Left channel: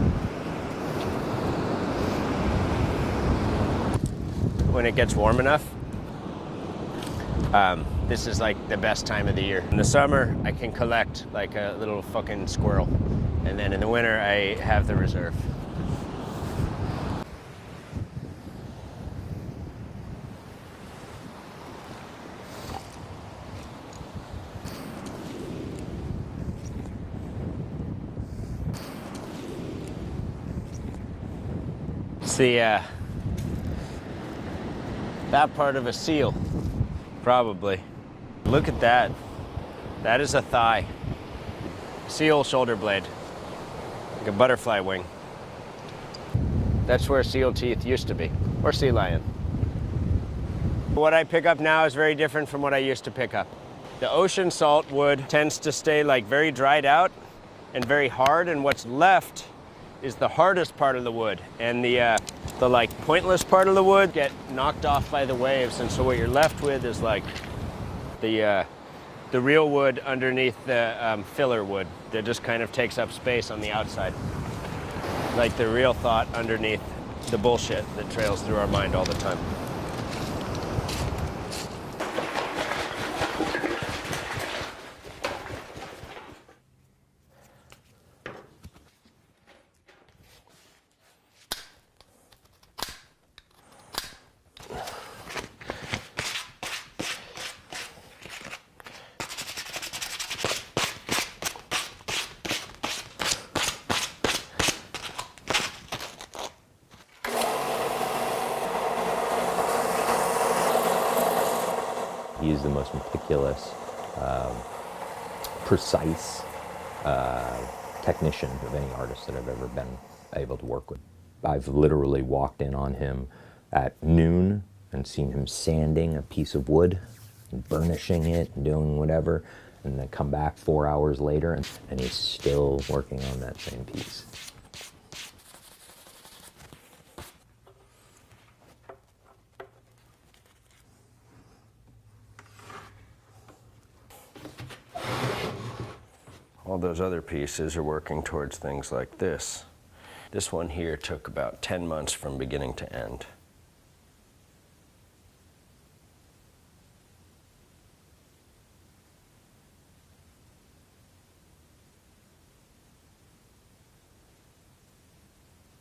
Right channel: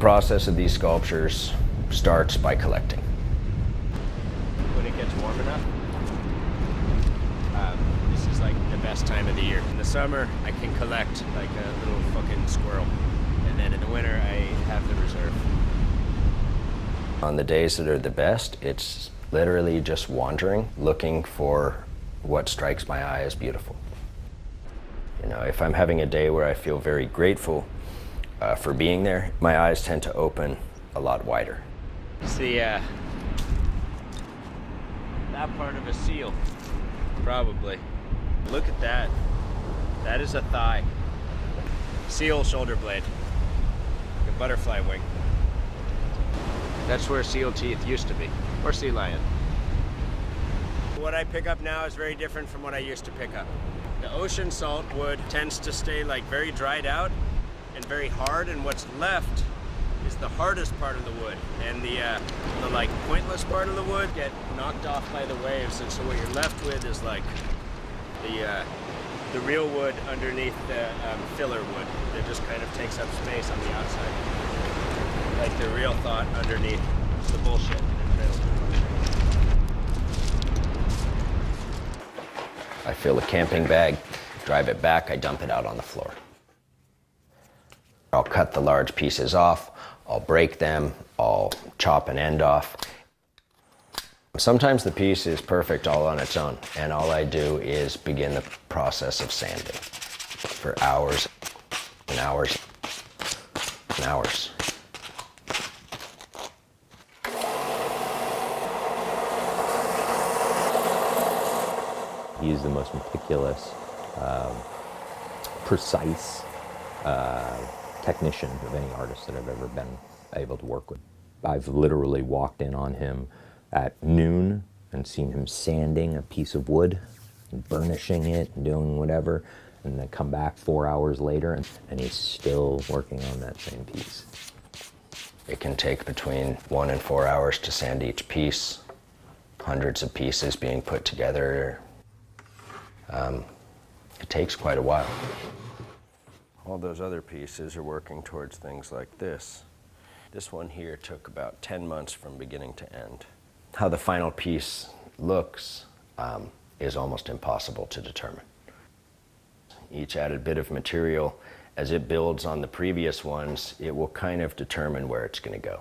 process of these sculptures starts by collecting. When it gets warm enough, this is like the best time of the year. In the summer, I can collect like a little fucking squirrel. And then in the winter, I have the reserve. On the days that are the best, it's literally just wandering, looking for what strikes my eye as beautiful. You know, if I'm having a day where I feel very grateful for being there, my eyes tend to open a lot wider. It's the, that part of a seal, probably. Look at that. That is a thigh. Seal shoulder blade. Like a butterfly wing. That's where seal teeth used to be, or sea lion. What I pick up now is very different from what I used to pick up. The ocean salt wood tends to stay like very dried out and very hard, and what's left is the hardest part of the wood, and the like pointless part of the wood get knocked off by the waves, and so what you're left with is like the real wood underneath the filler wood that just kind of takes up space on the outside. Like the real thought underneath the bullshit that trails through our mind all the time. I fill the camping bag, drive it back, I dump it out on the floor. I'll cut the large pieces off, I'll break them, I'll chop an end off. Sometimes the piece is perfect all on its own, and all I do is begin the process of sanding for hours and hours and hours. He is the most meticulous, precise technician of any artist that I've ever been able to work with. I've literally walked in on him at noon and seen him sanding a piece of wood and burnishing it and doing whatever, and then come back 4 hours later and he's still working on that same piece. It can take between 1 and 4 hours to sand each piece, hundreds of pieces being put together. It takes quite a while. All those other pieces are working towards things like this. This one here took about 10 months from beginning to end. How the final piece looks is almost impossible to determine. Each added bit of material, as it builds on the previous ones, it will kind of determine where it's going to go.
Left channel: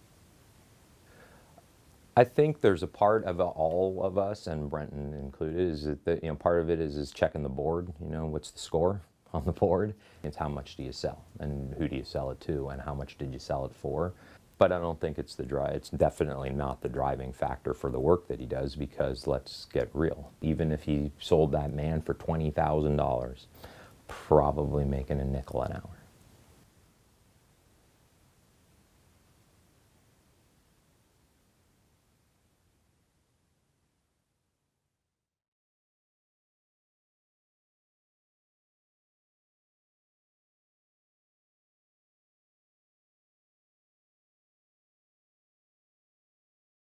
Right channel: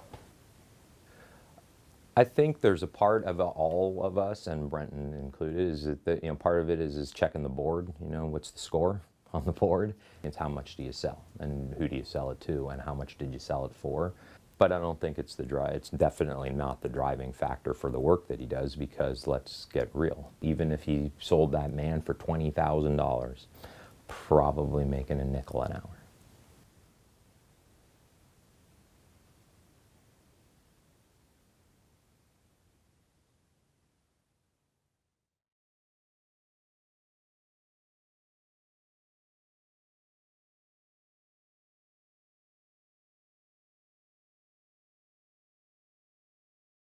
I think there's a part of all of us, and Brenton included, is that part of it is checking the board. What's the score on the board? It's how much do you sell, and who do you sell it to, and how much did you sell it for? But I don't think it's it's definitely not the driving factor for the work that he does, because let's get real. Even if he sold that man for $20,000, probably making a nickel an hour.